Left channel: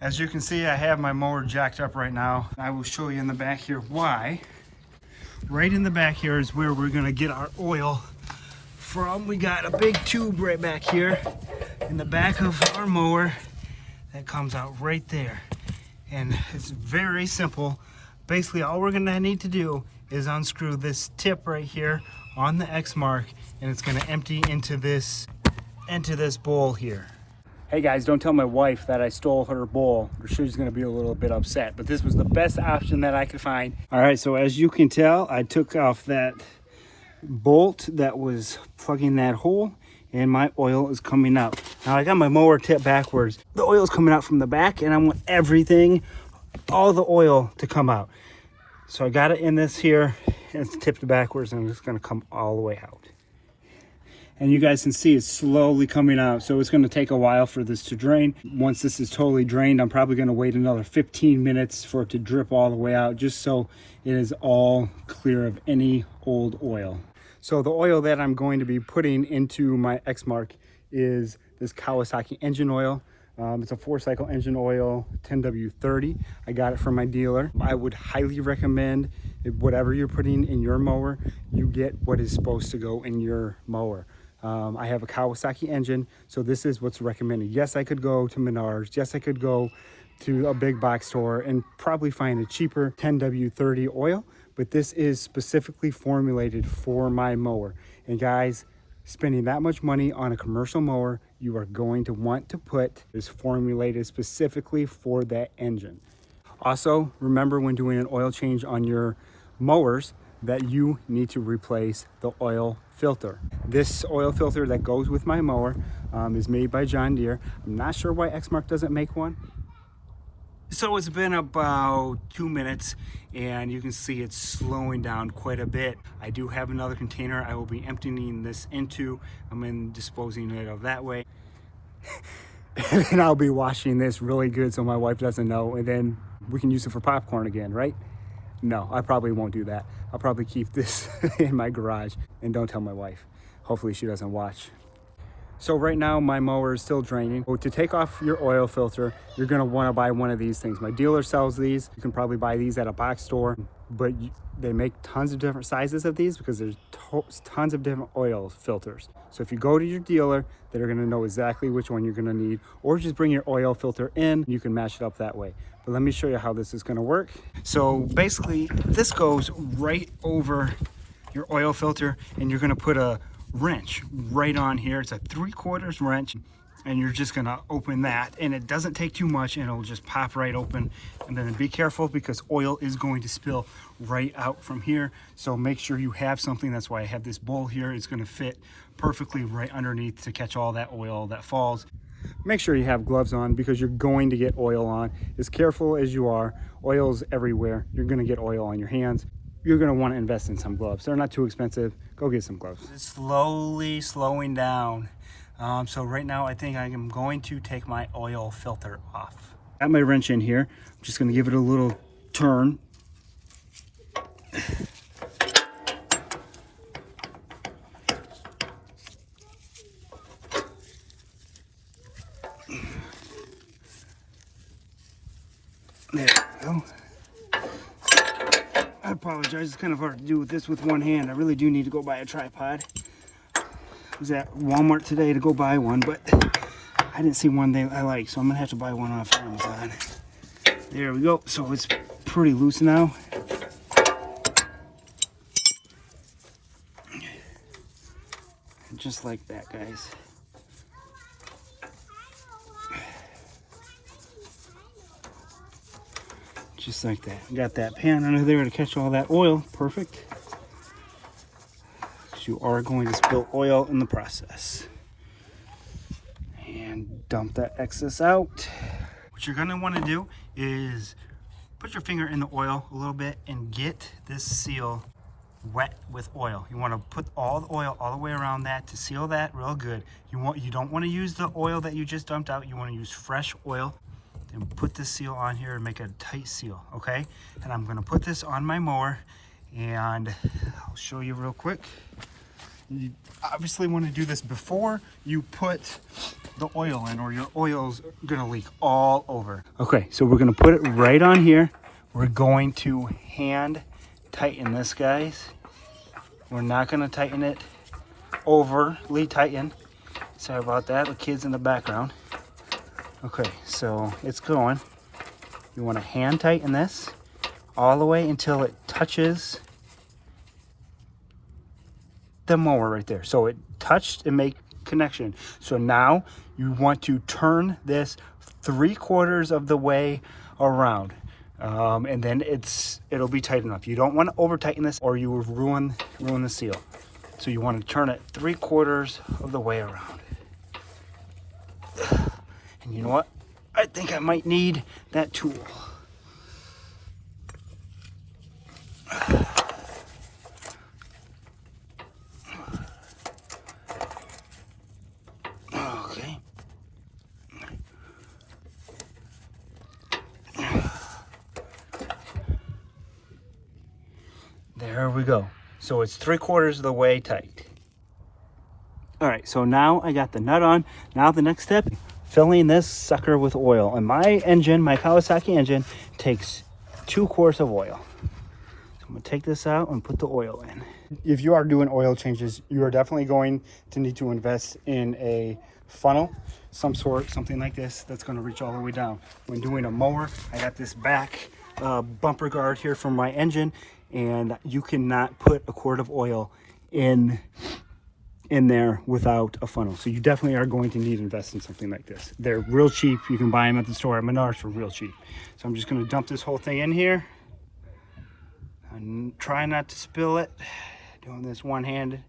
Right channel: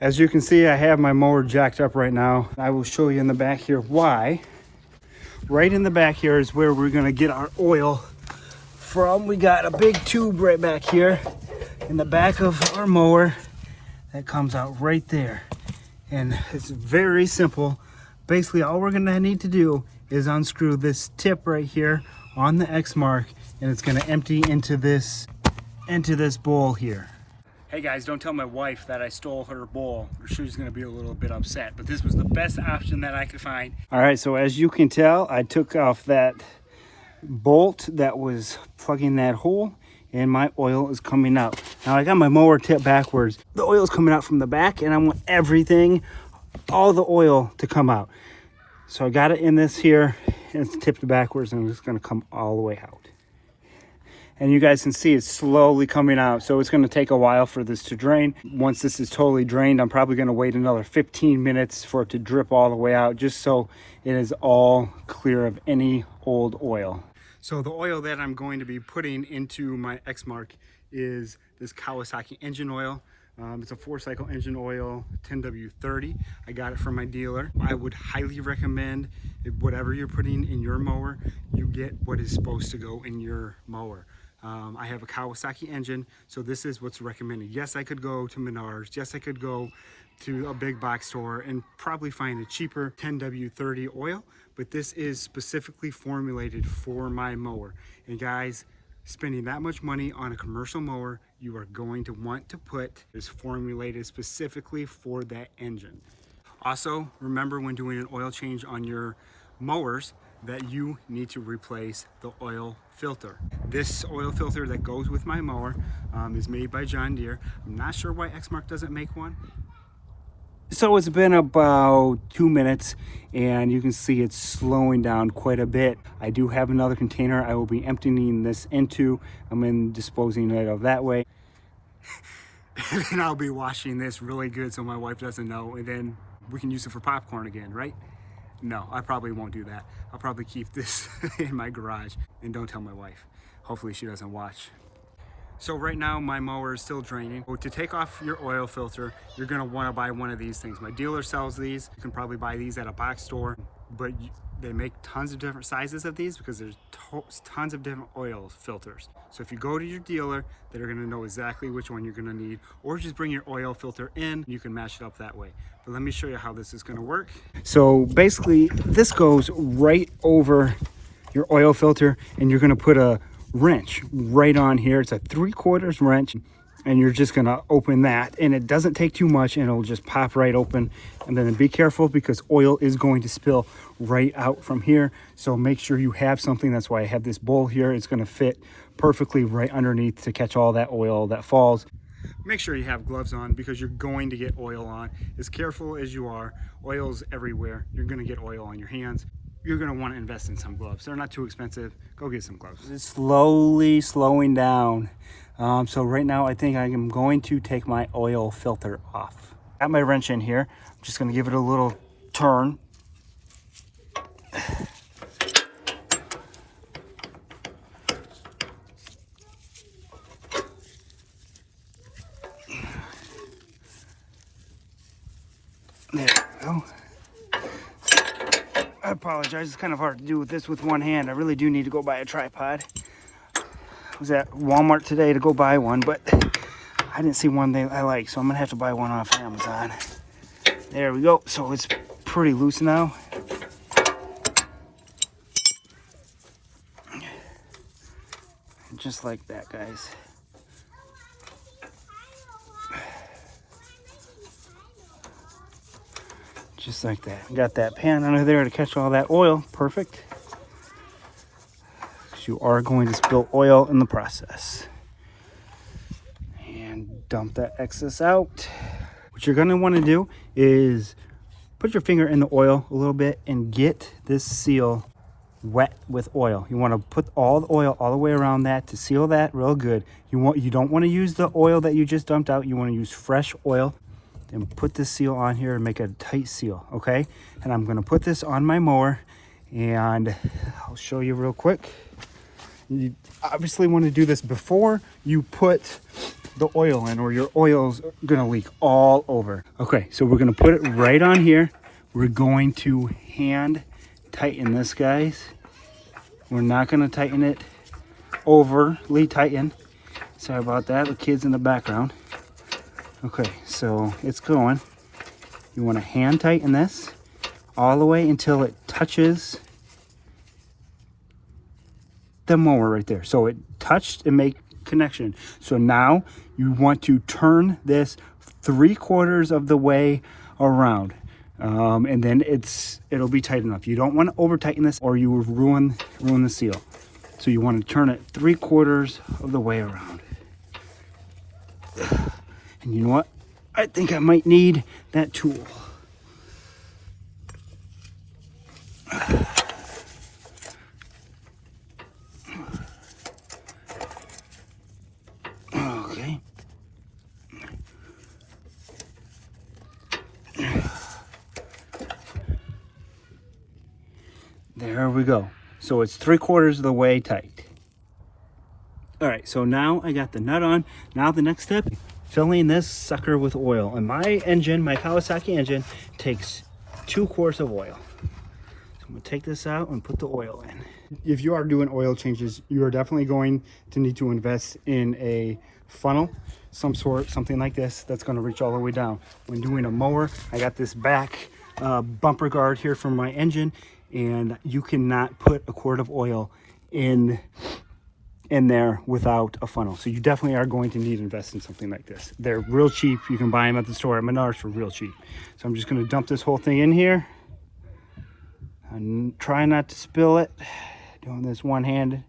As you can see, I have my mower jacked up right now. I will show you in the back here why. Right in the back here is where we're gonna get our oil from. We got a big tube right back here in the back of our mower that comes out right there. And it's very simple. Basically, all we're gonna need to do is unscrew this tip right here on the Exmark, and it's gonna empty into this bowl here. Hey guys, don't tell my wife that I stole her bowl, or she's gonna be a little bit upset, but this was the best option that I could find. All right, so as you can tell, I took off that bolt that was plugging that hole, and my oil is coming out. Now I got my mower tipped backwards. The oil is coming out from the back, and I want everything, all the oil to come out. So I got it in this here, and it's tipped backwards, and it's gonna come all the way out. And you guys can see it's slowly coming out. So it's gonna take a while for this to drain. Once this is totally drained, I'm probably gonna wait another 15 minutes for it to drip all the way out, just so it is all clear of any old oil. So the oil that I'm going to be putting into my Exmark is this Kawasaki Engine Oil. It's a 4-cycle engine oil, 10W30. I got it from my dealer. I would highly recommend whatever you're putting in your mower, you get what is supposed to go in your mower. I have a Kawasaki engine, so this is what's recommended. Yes, I could go to Menards. Yes, I could go to a big box store and probably find a cheaper 10W30 oil, but this is specifically formulated for my mower. And guys, spending that much money on a commercial mower, you are going to want to put this formulated specifically for that engine. Also, remember when doing an oil change on your mowers that you need to replace the oil filter. This oil filter that goes with my mower is made by John Deere. I'm not sure why Exmark doesn't make one. So it's been about 2 minutes, and you can see it's slowing down quite a bit. I do have another container I will be emptying this into. I'm in disposing it of that way. And then I'll be washing this really good so my wife doesn't know, and then we can use it for popcorn again, right? No, I probably won't do that. I'll probably keep this in my garage, and don't tell my wife. Hopefully she doesn't watch. So right now my mower is still draining. To take off your oil filter, you're gonna wanna buy one of these things. My dealer sells these. You can probably buy these at a box store, but they make tons of different sizes of these because there's tons of different oil filters. So if you go to your dealer, they're gonna know exactly which one you're gonna need, or just bring your oil filter in, you can match it up that way. But let me show you how this is gonna work. So basically this goes right over your oil filter, and you're gonna put a wrench right on here. It's a 3/4 wrench, and you're just gonna open that, and it doesn't take too much, and it'll just pop right open. And then be careful because oil is going to spill right out from here, so make sure you have something. That's why I have this bowl here. It's gonna fit perfectly right underneath to catch all that oil that falls. Make sure you have gloves on because you're going to get oil on. As careful as you are, oil's everywhere. You're gonna get oil on your hands. You're gonna wanna invest in some gloves. They're not too expensive. Go get some gloves. It's slowly slowing down. So right now I think I am going to take my oil filter off. Got my wrench in here. I'm just gonna give it a little turn. There we go. I apologize, it's kind of hard to do this with one hand. I really do need to go buy a tripod. I was at Walmart today to go buy one, but I didn't see one that I like, so I'm gonna have to buy one off Amazon. There we go. So it's pretty loose now. Just like that, guys. Just like that. Got that pan under there to catch all that oil. Perfect. So you are going to spill oil in the process. And dump that excess out. What you're going to want to do is put your finger in the oil a little bit and get this seal wet with oil. You want to put all the oil all the way around that to seal that real good. You don't want to use the oil that you just dumped out. You want to use fresh oil. And put this seal on here and make a tight seal, okay? And I'm gonna put this on my mower, and I'll show you real quick. You obviously want to do this before you put the oil in, or your oil's gonna leak all over. Okay, so we're gonna put it right on here. We're going to hand tighten this, guys. We're not gonna tighten it overly tighten. Sorry about that, the kids in the background. Okay, so it's going. You want to hand tighten this all the way until it touches the mower right there. So it touched and make connection. So now you want to turn this 3/4 of the way around. And then it'll be tight enough. You don't want to over tighten this or you will ruin the seal. So you want to turn it 3/4 of the way around. And you know what? I think I might need that tool. Okay. There we go. So it's 3/4 of the way tight. All right, so now I got the nut on. Now the next step, filling this sucker with oil. And my engine, my Kawasaki engine, takes 2 quarts of oil. So I'm gonna take this out and put the oil in. If you are doing oil changes, you are definitely going to need to invest in a funnel, some sort, something like this, that's gonna reach all the way down. When doing a mower, I got this back bumper guard here from my engine, and you cannot put a quart of oil in there without a funnel. So you definitely are going to need to invest in something like this. They're real cheap. You can buy them at the store at Menards for real cheap. So I'm just going to dump this whole thing in here and try not to spill it. Doing this one-handed.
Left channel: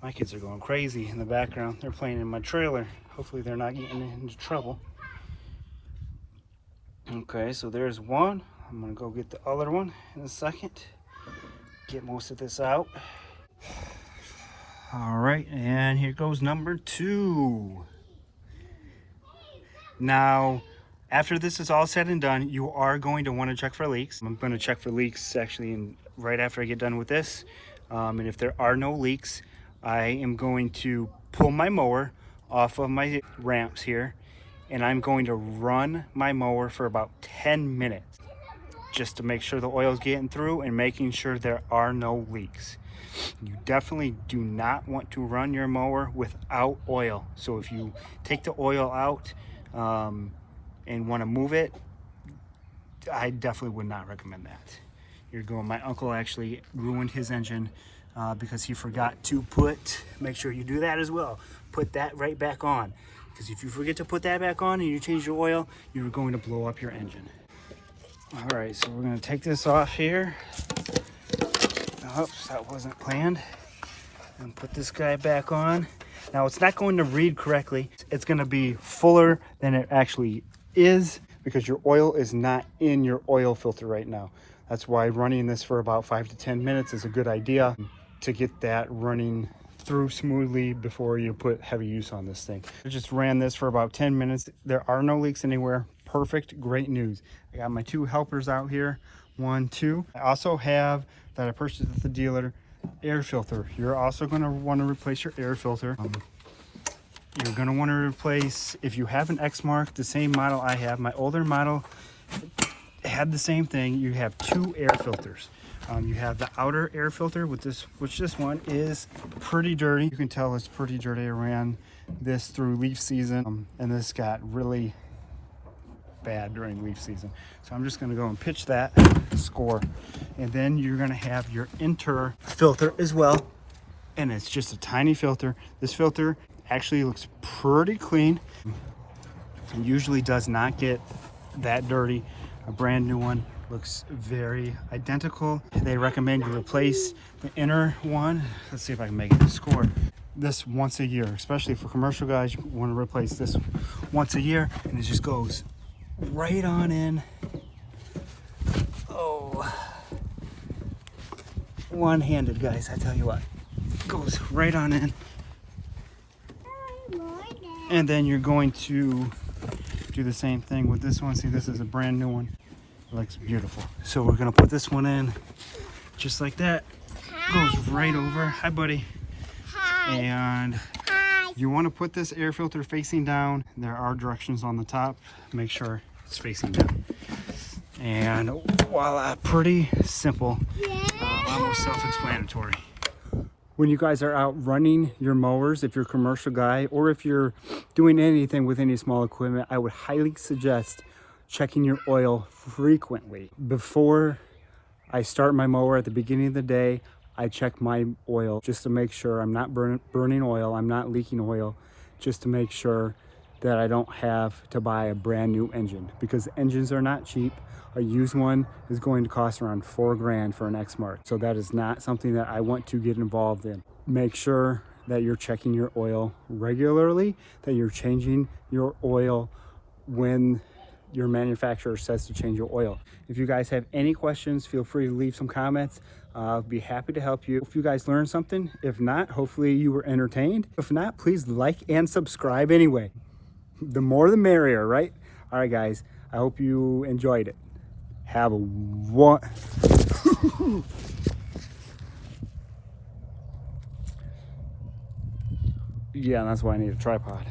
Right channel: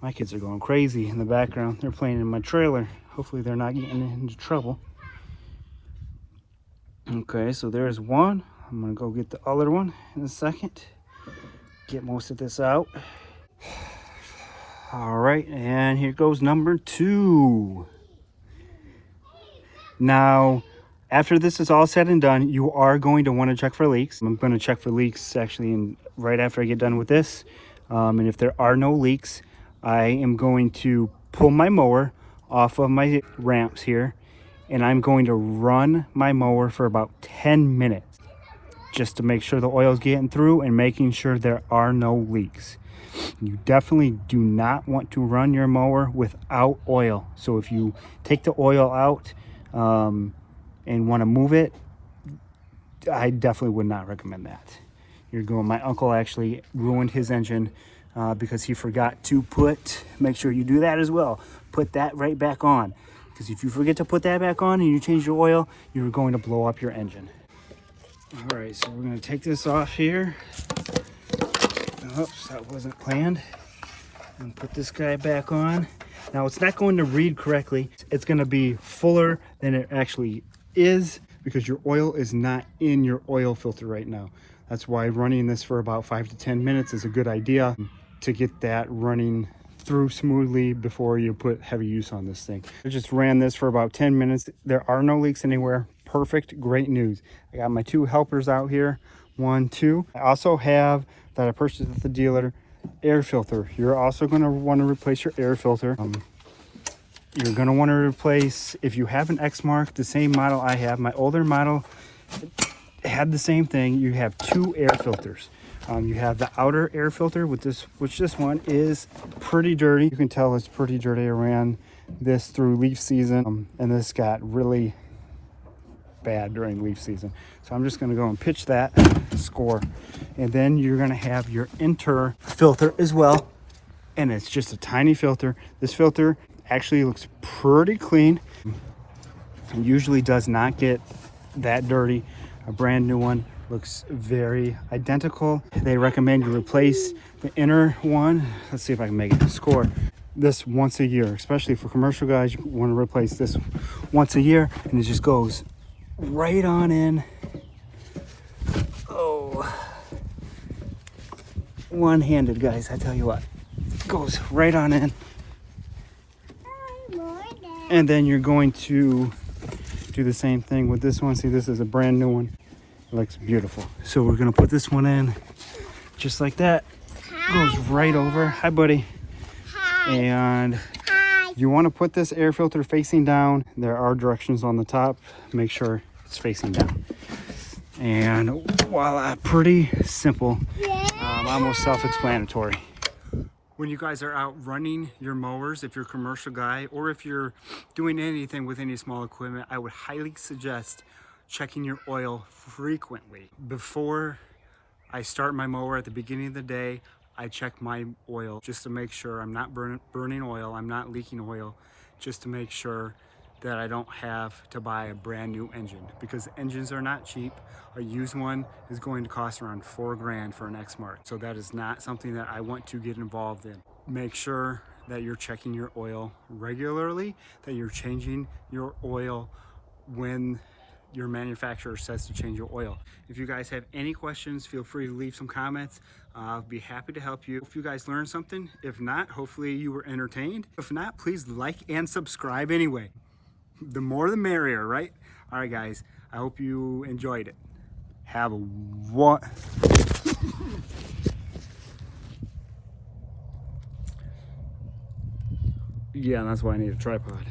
My kids are going crazy in the background. They're playing in my trailer. Hopefully they're not getting into trouble. Okay, so there's one. I'm gonna go get the other one in a second. Get most of this out. All right, and here goes number 2. Now, after this is all said and done, you are going to want to check for leaks. I'm going to check for leaks actually right after I get done with this. And if there are no leaks, I am going to pull my mower off of my ramps here, and I'm going to run my mower for about 10 minutes just to make sure the oil is getting through and making sure there are no leaks. You definitely do not want to run your mower without oil. So if you take the oil out and want to move it, I definitely would not recommend that. You're going. My uncle actually ruined his engine because he forgot to make sure you do that as well. Put that right back on, because if you forget to put that back on and you change your oil, you're going to blow up your engine. All right, so we're going to take this off here. Oops, that wasn't planned. And put this guy back on. Now it's not going to read correctly. It's going to be fuller than it actually is because your oil is not in your oil filter right now. That's why running this for about 5 to 10 minutes is a good idea to get that running through smoothly before you put heavy use on this thing. I just ran this for about 10 minutes. There are no leaks anywhere. Perfect, great news. I got my 2 helpers out here, 1, 2. I also have, that I purchased at the dealer, air filter. You're also going to want to replace your air filter. You're going to want to replace, if you have an Exmark, the same model I have, my older model had the same thing. You have 2 air filters. You have the outer air filter with this, which this one is pretty dirty. You can tell it's pretty dirty. I ran this through leaf season, and this got really bad during leaf season. So I'm just going to go and pitch that score. And then you're going to have your inter filter as well. And it's just a tiny filter. This filter actually looks pretty clean. It usually does not get that dirty. A brand new one looks very identical. They recommend you replace the inner one. Let's see if I can make it score. This once a year, especially for commercial guys, you want to replace this once a year, and it just goes right on in. Oh, one-handed, guys, I tell you what, goes right on in. And then you're going to do the same thing with this one. See, this is a brand new one. It looks beautiful. So we're gonna put this one in just like that. goes right over. Hi, buddy. And if you want to put this air filter facing down, there are directions on the top. Make sure it's facing down. And voila, pretty simple, almost self-explanatory. When you guys are out running your mowers, if you're a commercial guy, or if you're doing anything with any small equipment, I would highly suggest checking your oil frequently. Before I start my mower at the beginning of the day, I check my oil just to make sure I'm not burning oil, I'm not leaking oil, just to make sure that I don't have to buy a brand new engine, because engines are not cheap. A used one is going to cost around $4 grand for an Exmark. So that is not something that I want to get involved in. Make sure that you're checking your oil regularly, that you're changing your oil when your manufacturer says to change your oil. If you guys have any questions, feel free to leave some comments. I'll be happy to help you. If you guys learned something, if not, hopefully you were entertained. If not, please like and subscribe anyway. The more the merrier, right? All right, guys, I hope you enjoyed it. Have a one. Yeah, that's why I need a tripod.